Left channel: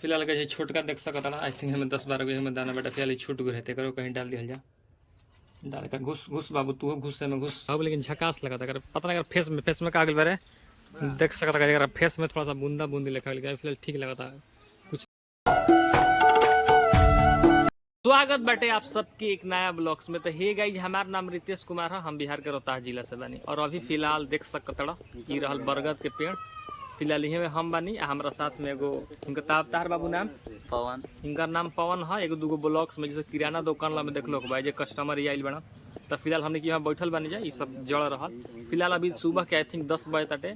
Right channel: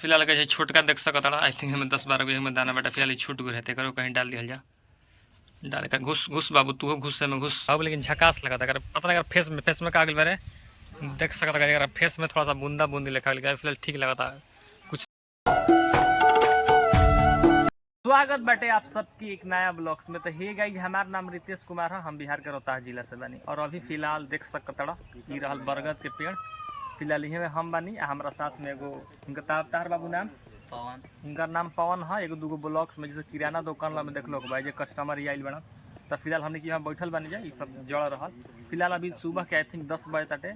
फिलहाल कहे छोटका देख सकता आई थिंक हमें 10-12 में दाना बेटा फिलहाल छूट गए रहते करो कहीं डाल दिया जा डाल कर घुस घुस बाबू तू घुस में घुस बाबू लेकिन झकास लगा था अगर पता नहीं अगर फेस में का बारे देख सकता अगर फेस में थोड़ा सा बूंदा बूंदी लिखा फिलहाल ठीक लगा था कुछ। स्वागत बाटे आप सबके एक नया ब्लॉग्स में। तो हे गाइज हमारा नाम रितेश कुमार है, हम बिहार के रोहतास जिला से बानी और अभी फिलहाल देख सकता ई रहल बरगद के पेड़ फिलहाल इहे में हम बानी हमारा साथ में एगो इनका तार बाबू नाम पवन, इनका नाम पवन है। एगो दूगो ब्लॉक्स में जैसे किराना दुकान में देख लो भाई जो कस्टमर आइल बना तो फिलहाल हमने यहाँ बैठल बनी जाए सब जड़ रहा। फिलहाल अभी सुबह के आई थिंक 10 बजे तटे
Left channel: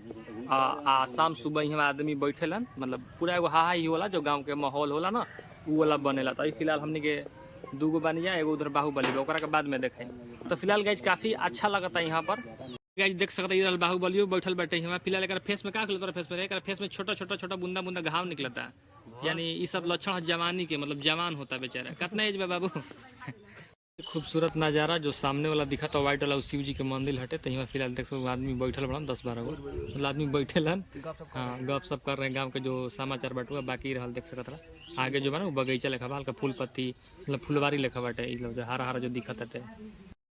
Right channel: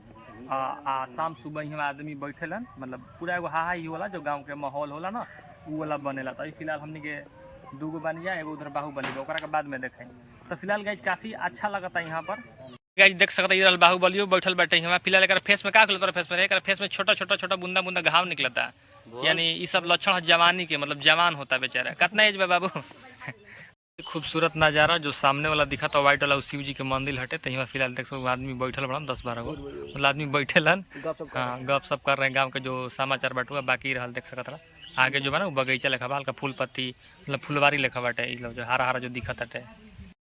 शाम सुबह यहाँ आदमी बैठेलन मतलब पूरा एगो हाहा ही होला जो गाँव के माहौल होला ना वो वाला बनेला। तो अभी फिलहाल हमने के दूगो बनी जाए एगो उधर बाहुबली ओकरा के बाद में देखें। तो फिलहाल गाइज काफ़ी अच्छा लगता है यहाँ पर गाइज देख सकते इधर बाहुबलियो बैठल बैठे यहाँ फिलहाल एक फेस में का फेस में एक फेस में छोटा छोटा छोटा बूंदा बूंदा घाव निकलता है यानी ये सब लक्षण है जवानी के मतलब जवान होता है बेचारा। कितना एज में बाबू खूबसूरत नज़ारा जो सामने वाला दिखा था व्हाइट वाला शिव जी के मंदिर हटे तो यहाँ फिलहाल देख सकते आदमी बैठल बड़ा 10-12 गो मतलब आदमी बैठेलन हाँ गप सप कर रहे हैं गाँव के जो समाचार बाटुआ बाकी रहा देख सकता आगे जो बा ना बगीचा लेखा बा हल्का फूल पत्ती मतलब फुलवारी लेखा बाटे जो हरा हरा जो दिखत हटे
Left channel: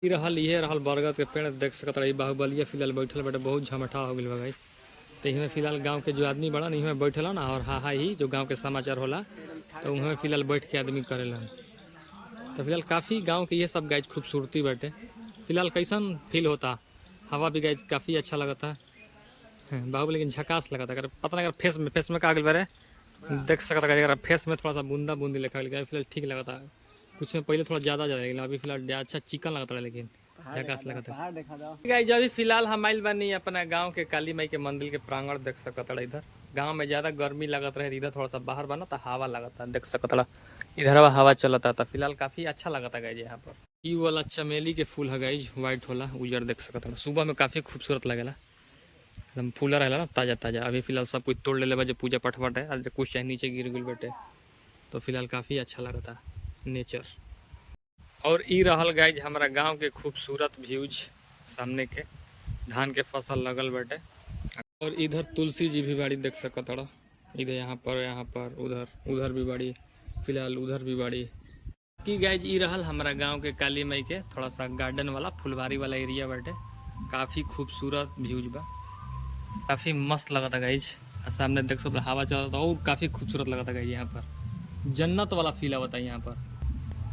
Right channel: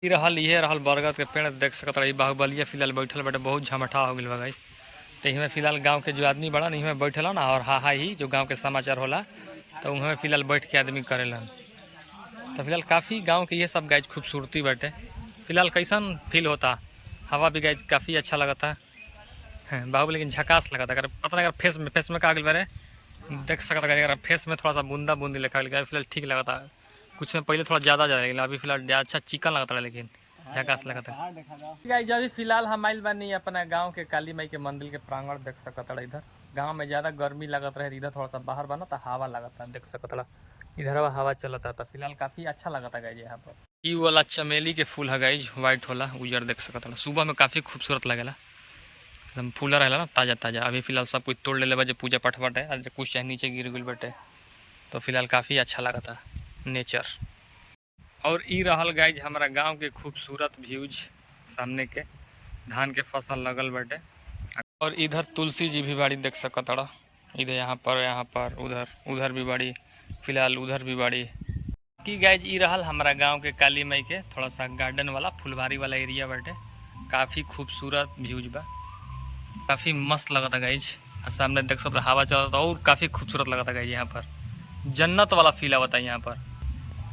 ये रहल बरगद के पेड़ देख सकता बाहुबलिया फिलहाल बैठल बाटे बहुत झमठा हो गई बा। तो इमें फिलहाल गांव के जो आदमी बड़ा इमें बैठल ना और हा ही जो गांव के समाचार होला तो उनमें फिलहाल बैठ के आदमी करेलन। तो फिलहाल काफ़ी गांव के ये सब गाइज खूबसूरती बाटे फिलहाल कैसन फील होता हवा भी गाइज काफ़ी अच्छा लगता है बाबू लेकिन झकास लगता अगर पता नहीं अगर फेस में का बारे देख सकता अगर फेस में थोड़ा सा बूंदा बूंदी लिखा फिलहाल ठीक लगता कुछ में पहले थोड़ा ज़्यादा लेकिन अभी फिलहाल अच्छा चिकन लगता है लेकिन झकास लगता गाइज। अभी फिलहाल हम आइल बानी अपना गांव के काली माई के मंदिर के प्रांगण देख सकता इधर गांव में ज़्यादा गर्मी लगत रहे इधर थोड़ा सा बाहर बना तो हवा लगता देख सकता इधर हवा चलता था फिलहाल काफ़ी अच्छा लगता गाइज यहाँ पर। ई वाला चमेली के फूल है गाइज व्हाइट होला उजर देख सकता सुबह में काफ़ी खूबसूरत लगेला एकदम फूला रहेला ना ताज़ा ताज़ा। अभी फिलहाल सब कुछ तोड़ ले पूजा पाठ बाटे आज कुछ चाहे नीचे गिर गई बाटे तो फिलहाल काफ़ी अच्छा लगता नेचर। और ई रहल गाइज हमारा गांव के खूबसूरत व्यूज सामने के धान के फसल लगल बाटे और इधर तुलसी जी भी बाड़ी देख सकता इधर यहाँ पर उधर भी बाड़ी फिलहाल उधर भी बाड़ी की गाइज ई रहल हमारा गांव के काली माई के थोड़ा सा गार्डन वाला फुलवारी वाला एरिया बाटे काफ़ी खूबसूरत व्यूज बा काफ़ी मस्त लगता गाइज। सामने देख सकते हवा चलता और काफ़ी खूबसूरत लगता गाइज यहाँ पर जन्नत वाला फील आवता है यहाँ पर।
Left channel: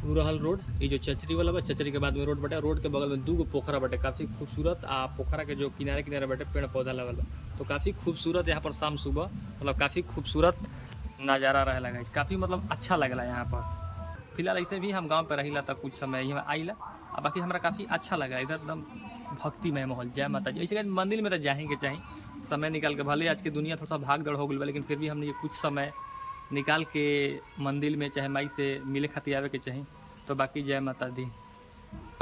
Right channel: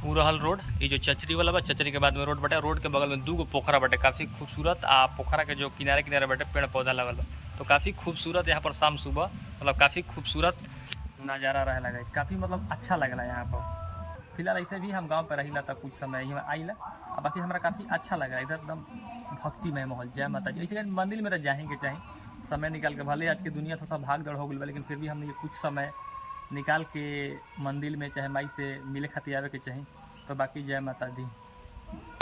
वो रहल रोड ये जो चचरी वाला बा चचरी के बाद में रोड बटे रोड के बगल में दूगो पोखरा बटे काफ़ी खूबसूरत पोखरा के जो किनारे किनारे बटे पेड़ पौधा लगल बा तो काफ़ी खूबसूरत यहाँ पर शाम सुबह मतलब काफ़ी खूबसूरत नज़ारा रहे लगा काफ़ी मतलब अच्छा लगला यहाँ पर। फिलहाल ऐसे भी हम गाँव पर रही था कुछ समय यहाँ आइला और बाकी हमारा काफ़ी अच्छा लगा इधर एकदम भक्तिमय माहौल जय माता जी। ऐसे मंदिर में तो जाएँ के चाहिए समय निकाल के भले आज की दुनिया थोड़ा सा भाग दौड़ हो गई लेकिन फिर भी हमने ये कुछ समय निकाल के मंदिर में चाहे माई से मिले खातिर आवे के चाहिए तो बाकी जय माता दी।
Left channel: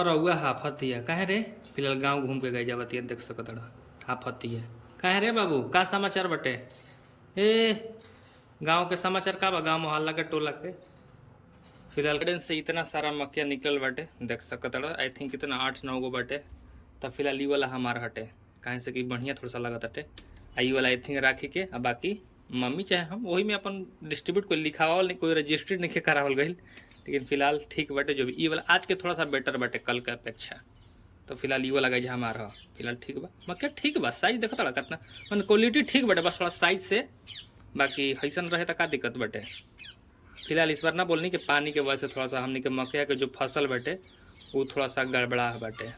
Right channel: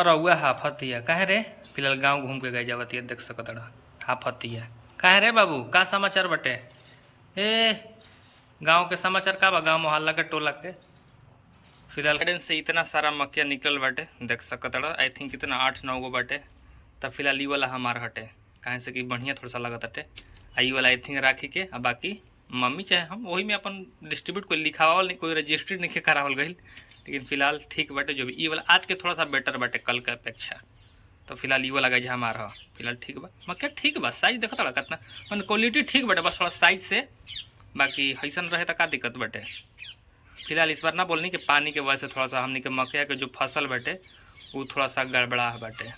और हुआ हाफतिया कहे रे फिलहाल गांव घूम के गए जावतिया देख सकता हाफतिया कहे रे बाबू का समाचार बटे ए गांव के समाचार का बा गांव मोहल्ला के टोला के फिलहाल गार्डन से इतना सारा मक्या निकल बाटे देख सकता आई थिंक इतना 8-9 गो बाटे। तब फिलहाल ई वाला हमार हटे कहे से कि बढ़िया थोड़ा सा लगत हटे आई वाला आई थिंक राखी के आ बाकी मम्मी चाहे हम वही में अपन डिस्ट्रीब्यूट कोई लिखावल नहीं कोई रजिस्ट्री नहीं करावल गई लेकिन फिलहाल ठीक बाटे जो भी ई वाला आज के थोड़ा सा बेटर बाटे कल के अपेक्षा। तो फिलहाल ई वाला गाइज हमारा फिलहाल ठीक बा मक्या ठीक बा साइज देखता रहा कितना मैंने क्वालिटी ठीक बाटे बस थोड़ा साइज से बाकी हैसन रहे तो का दिक्कत बाटे। फिलहाल इस बार ना बोलनी कि पानी के वजह से थोड़ा सा हमने के मक्या के जो फसल बाटे वो थोड़ा सा गड़बड़ा बाटे।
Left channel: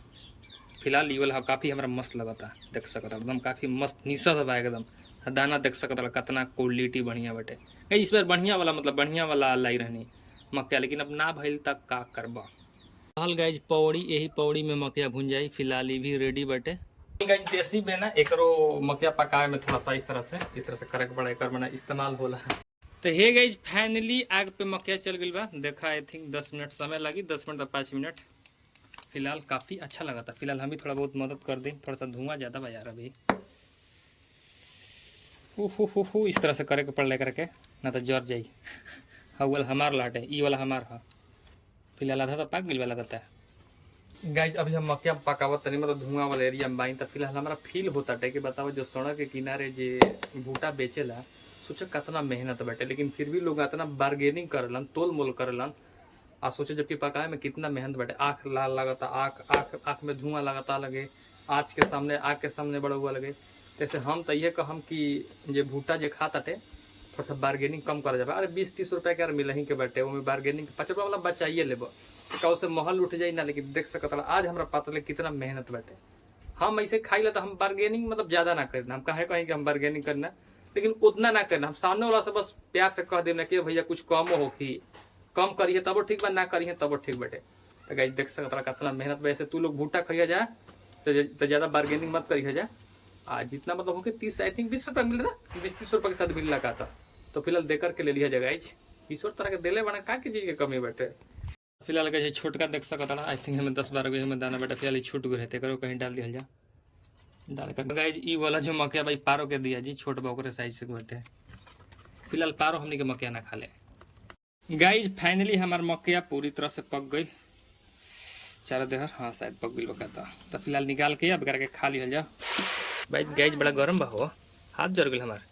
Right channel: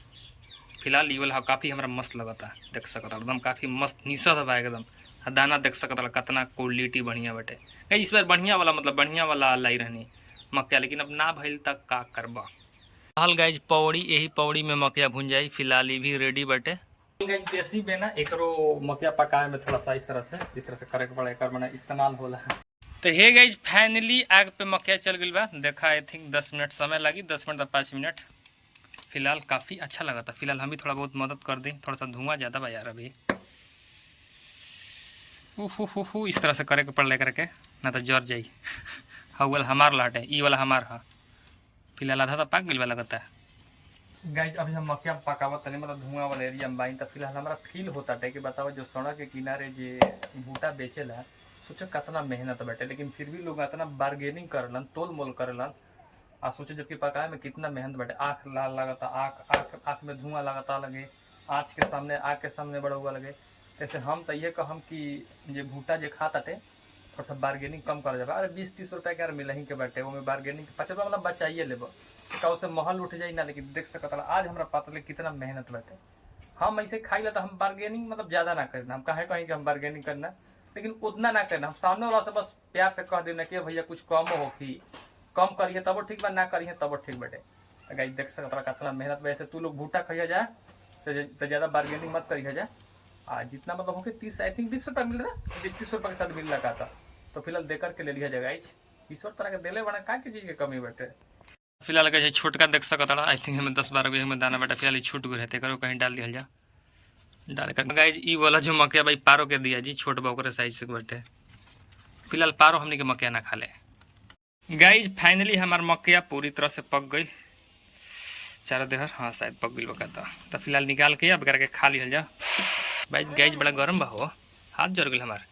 फिलहाल ये वाला काफ़ी हमारा मस्त लगता देख सकता एकदम काफ़ी मस्त निशा बा एकदम दाना देख सकता कितना क्वालिटी बढ़िया बाटे इस बार बढ़िया वाला मतलब बढ़िया वाला लाई रहनी मक्या लेकिन अब ना भइल तक का करबा। हाल गाइज पौड़ी यही पौड़ी में मक्या भुन जाई फिलहाल ये भी रेडी बाटे गाइज देसी में ना एकरो मक्या पकाए में थोड़ा सा इस तरह से करे के पड़ा एक मैंने इस्तेमाल होला। तो हे गाइज फाइनली आग पे मक्या चल गई बा देखा आई थिंक 10 मिनट समय लगी 10 मिनट 5 मिनट फिलहाल काफ़ी अच्छा लगा था। फिलहाल हम भी थोड़ा बहुत मदद कर दें थोड़ा सा धुआं ज़्यादा बा यार अभी इस तरह से करे के पड़ करके ना तो जर जाई हाँ वाला हमार लाटे ई वाला हमार हाँ फिलहाल आधा तो पक गई वाला लगता है गाइज। अभी हम मक्या पकावत तनी मतलब धुआं वाला एरिया में बाई तो फिलहाल हमारा फील होता है कि बताओ जो सड़क के किनारे जे भूटा बेचेला सोचो कितना मेहनत बाटे, लेकिन फिर भी लोग इतना बार्गेनिंग करेलन, तोल मोल करेलन। आ सोचे जबकि पकाए में कितना मेहनत बाटे, आँख लाल लगता, आँख में धुआं लगता लगे, आँच के सामने आग के सामने बड़ा हुआ लगे। जैसे हम तो ये कहम कि जे भूटा जे खा ताटे थोड़ा सा बार्गेनिंग कम करा जाए। अरे 20-30 रुपये के यार मिलही के बाटे, वो में बार्गेनिंग 5 रुपया वाला बचाइए लेब, कौ से महल उठ जाई ना। लेकिन देख सकता आज हमारा पता कितना मेहनत बाटे। हम ऐसे खाई ला तो हम बार्गेनिंग मतलब ज़्यादा ना करना, हम कहे कहीं कि हम बार्गेनिंग करना, लेकिन उतना ना करना। हम सामने वाला से बस प्यार से कह देना कि भैया कुछ कम हो कि कम करिए तब ठीक बा, ना करिए तब ठीक बाटे। तो गाइस देख सकता कितना मेहनत बा। ऐसे तू लोग भूटा खाइए जा तो ज़्यादा बार्गेनिंग मत करिए जा। जितना मतलब हो कि 30 आई थिंक 20 रुपये मिल रहा, 20-30 रुपये के साथ मिल लगा था। तो फिलहाल दे करके ले लिया जाएगा। 20 तरह के दिले बना का चीज़ के कमी बाटे। फिलहाल का छोटका देख सकता आई थिंक हमें 10-12 गो में दाना बाटे। फिलहाल छूट गए रहते करो कहीं डाल दिया जा, डाल कर गाइज ई वाला जो मकया भाई पारो के दिया जी, छोट बा साइज से बाटे। फिलहाल पारो हमने के मकया ना खा ले। गाइज फाइनली हमार मकया पूरी तरह से पक गई, चारों देहर हाँ शायद पक गई बकाता। तो फिलहाल निकाल के अब करके खा लिया जा। भाई गाइज बड़ा गर्म बा हो, हाथ जर गई हमार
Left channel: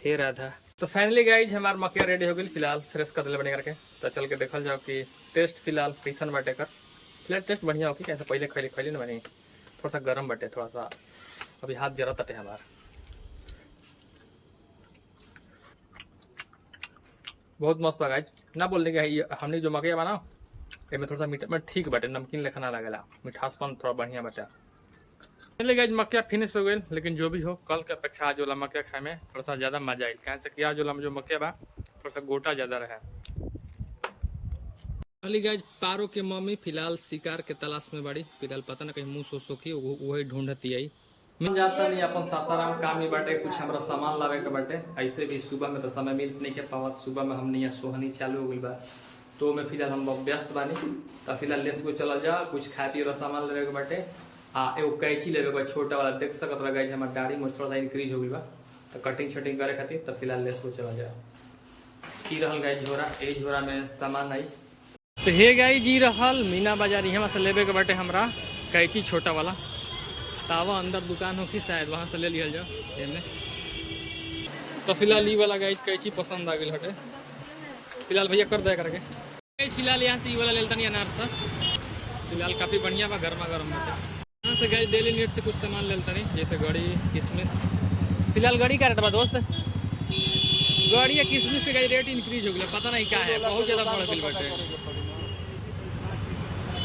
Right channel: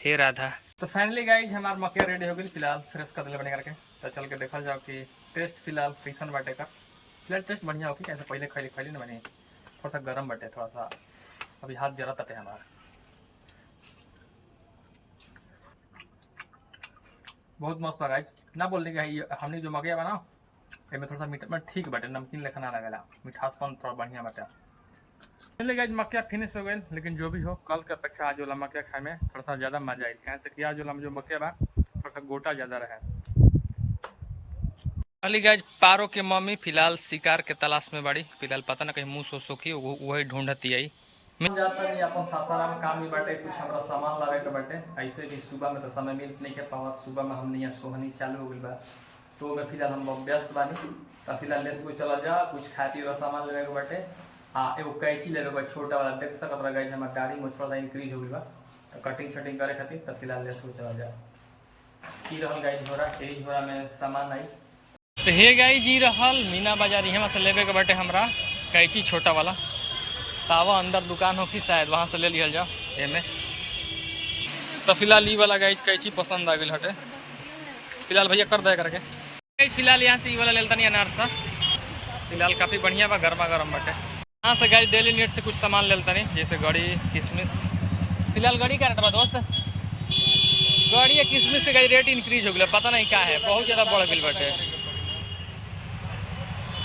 हे राधा। तो फाइनली गाइज हमार मकया रेडी हो गई। फिलहाल फ्रेश कर दिले बने करके। तो चल के देखल जाओ कि टेस्ट फिलहाल कैसन बाटे कर। फिलहाल टेस्ट बढ़िया हो कि कैसे पहले खैली ना बनी, थोड़ा सा गर्म बाटे, थोड़ा सा अभी हाथ जरा तटे हमार। बहुत मस्त बा गाइज, ना बोल देंगे हमने जो मकया बना इसमें थोड़ा सा मीठा ठीक बाटे, नमकीन लेखा ना लगेला, मिठासपन थोड़ा बढ़िया बाटे। चलिए गाइज मकया फिनिश हो गई, लेकिन जो भी हो कल के अपेक्षा आज वाला मकया खाए में थोड़ा सा ज़्यादा मजा आई। कहें से कि आज वाला जो मकया बा थोड़ा सा गोटा ज़्यादा रहे। अली गाइज पारो के मम्मी फिलहाल शिकार के तलाश में बड़ी। फिलहाल पता ना कहीं मुँह सो की वही ढूंढती आई। मैं जाता नहीं अपन सासाराम काम ही बाटे, कुछ हमारा सामान लावे के बाटे। ऐसे भी सुबह में तो समय मिल नहीं के पावत, सुबह में हमने यहाँ सोहनी चालू हो गई बा, तो मैं फिलहाल हम व्यस्त बानी। तो फिलहाल लेस को चला जा, कुछ खाए पिए सामान लेवे के बाटे। एगो कैंची लेवे के छोटा वाला, देख सकत रह गई हमारे दाढ़ी में थोड़ा सा इंक्रीज हो गई बा, तो कटिंग शटिंग करे खातिर। तो फिलहाल लेस को चला जा। की रहल गाय झोरा, यही झोरा में सामान आई। तो हे गाय जी रहल मीना बाजार, यहाँ से लेवे के बाटे हमरा कैंची छोटा वाला। तावा अंदर दुकान हो कि शायद वहाँ से ले लिया जाओ एमे। तो फिलहाल ई वाला गाइज कैंची पसंद आ गई हटे। फिलहाल भैया कर दे करके गाइज। फिलहाल यहाँ से ई वाला लेता नहीं अनारसा, फिलहाल काफ़ी बढ़िया बा, गर्मा गर्म बाटे। यहाँ से गाइज डेली नीड से कुछ सामान लेता नहीं, जैसे गड़ी किशमिश। फिलहाल गड़ी का रेट बा दोस्त, गड़ी या किशमिश के गाइज रेट इंक्रीज हो गया, पता नहीं क्या है, बहुत ज़्यादा बढ़ गई बाटे।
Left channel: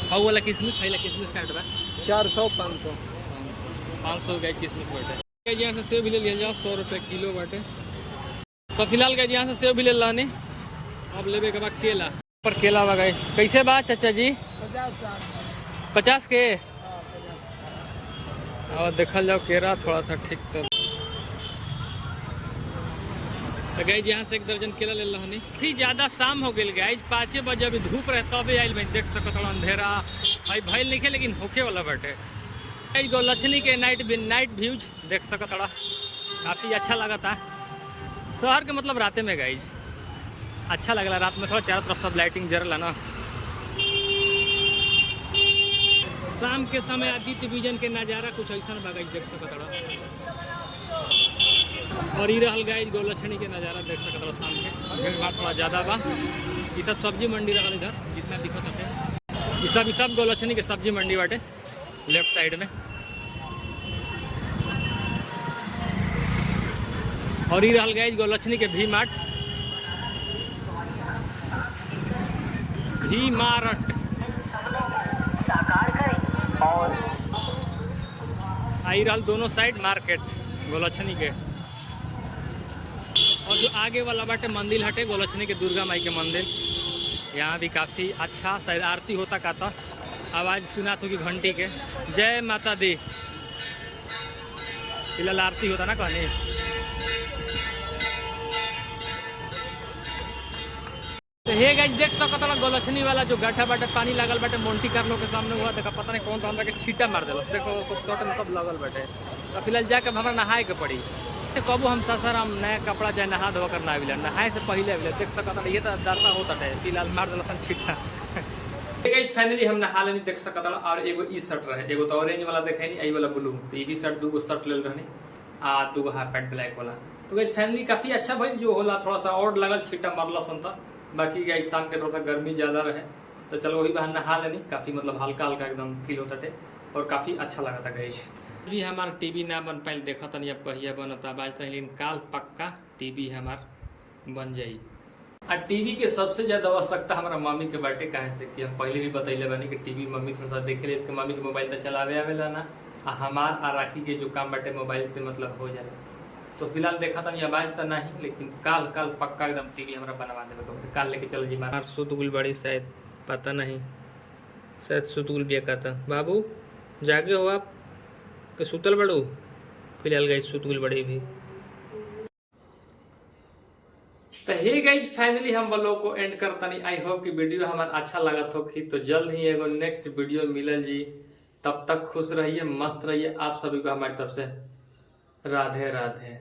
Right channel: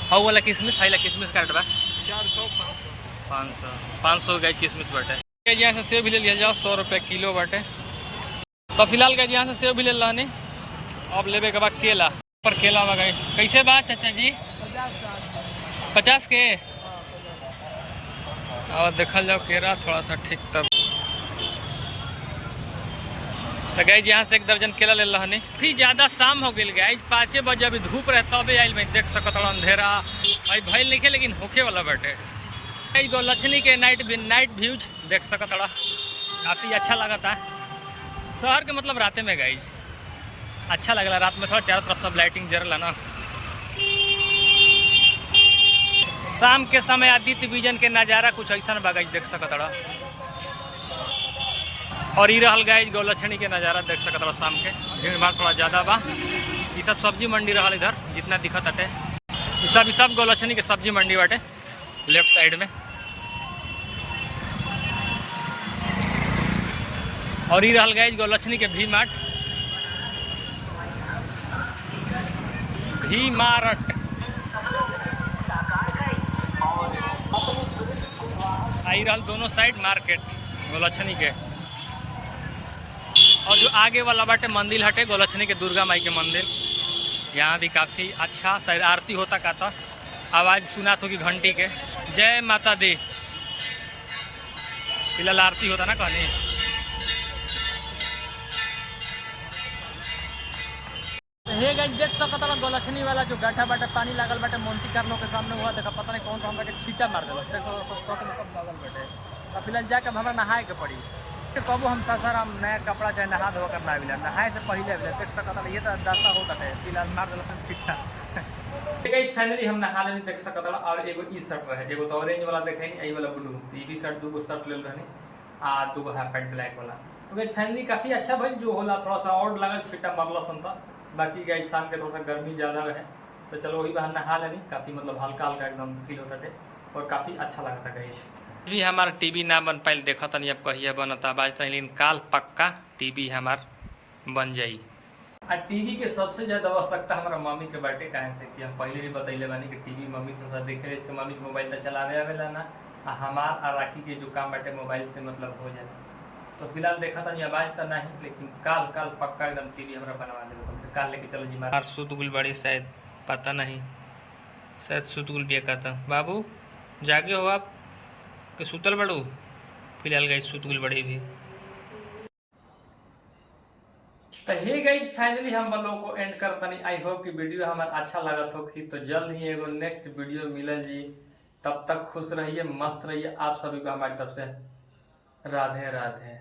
हाउ वाला किशमिश, हाई किशमिश का रेट बा 500 गाइज किशमिश बाटे। यहाँ से सेब भी ले लिया जाओ, 100 रुपये किलो बाटे। तो फिलहाल गाइज यहाँ से सेब भी ले लानी। अब लेवे के बाद केला पर केला बा गाइज कैसे बा चाचा जी? 50 के। और देखल जाओ केरा थोड़ा सा ठीक तब। तो गाइज यहाँ से 1 दर्जन केला ले लानी। फिर ज़्यादा शाम हो गई गाइज, 5 बजे अभी धूप रहे तबे आइल में, देख सकत अंधेरा भाई भइल नहीं लेकिन होखे वाला बाटे। गोलछनी के नाइट व्यूज देख सकत काफ़ी अच्छा लगा था। शहर के मतलब राते में गाइज अच्छा लगला, रात में थोड़ा चारों तरफ सब लाइटिंग जरला ना। शाम के समय आदित्य विजन के नज़ारा कुछ ऐसा बा गाइज देख सकत। और ई रहल गाइज गोलछनी के नज़ारा देख सकत शाम के। भीड़ भाड़ थोड़ा ज़्यादा बा। ये सब सब्जी मंडी रहल इधर जितना दिखत हटे, ये सब गोलछनी के सब्जी मंडी बाटे लेफ्ट साइड में। और ये रहल गाइज गोलछनी के भी मार्ट आई रहल दोनों साइड मार्केट गोलछनी के। और जो आगे वाला बाटे मंदिर हटे गोलछनी के दुर्गा माई के मंदिर, यहाँ भी काफ़ी अच्छा शायद आरती होता का था, आवाज़ सुना तो कि घंटी के जय माता दी। फिलहाल आरती होता ना कहनी। तो हे गाइस देख सकत गोलछनी वाला जो गड्ढा बाटे पानी लागल बाटे मोन्टी कार्लो के सामने हुआ, देखा पता नहीं कौन हमरा के छीटा मार दिल, देखो शॉर्ट में सब लगल बाटे। तो फिलहाल जाके हमरा नहाए के पड़ी। कबो हम सासाराम नया कपड़ा चाहे नहा धो कर ना आविला, नहाए से पहले आविला, देख सकत ये तो दासा होता है। फिलहाल मार दिल छीटा। गाइस फाइनली हम नहा लेनी देख सकत। और एगो ई शर्ट रहे, एगो तो ऑरेंज वाला देखे नहीं, आई वाला ब्लू। तो ये भी शर्ट 2 गो शर्ट ले रहनी, 2 गो हाफ पैंट ब्लैक वाला। तो गाइज फाइनली काफ़ी अच्छा भइल, जो होला थोड़ा सा और लगल छीटा मरला सन था। बाकी गाइज शाम के थोड़ा सा गर्मी ज़्यादा रहे तो चलो वही बहाने नहा लेनी, काफ़ी मतलब हल्का हल्का एकदम फील होता थे और काफ़ी अच्छा लगा था गाइज। भी हमारा टीवी ना बन पाइल, देखा तनी अब कहिया बनता बाजता, लेकिन काल पक्का टीवी हमार बन जाई। आ टीवी के सबसे ज़्यादा आवश्यकता हमारा मम्मी के बाटे, काहे से कि हम पहले भी बतैले बानी कि टीवी मम्मी थोड़ा सा देखे ले, इसके मम्मी के मोबाइल तो चलावे आवेला ना, आ हमार आ राखी के जो काम बाटे मोबाइल से मतलब हो जाला। तो फिलहाल देखा था आवाज तो नहीं, लेकिन काल काल पक्का एकदम टीवी हमारा बनवा देवे कम्प्लीट। काल लेके चलो जी मार सुतगुल बड़ी, शायद पता नहीं, शायद सुतगुल भी का था। बाबू जागे हो आप के सुतल बड़ू? फिलहाल गई सुतगुल बड़ी भी। तो हे गाइज फाइनली हम ब्लॉग को एंड करता नहीं। आई होप कि वीडियो हमारा अच्छा लगा हो कि, तो जल्द ही एगो नेक्स्ट वीडियो मिलल जी। तब तक खुश रहिए, मस्त रहिए। आप सभी को हमारी तरफ से राधे राधे।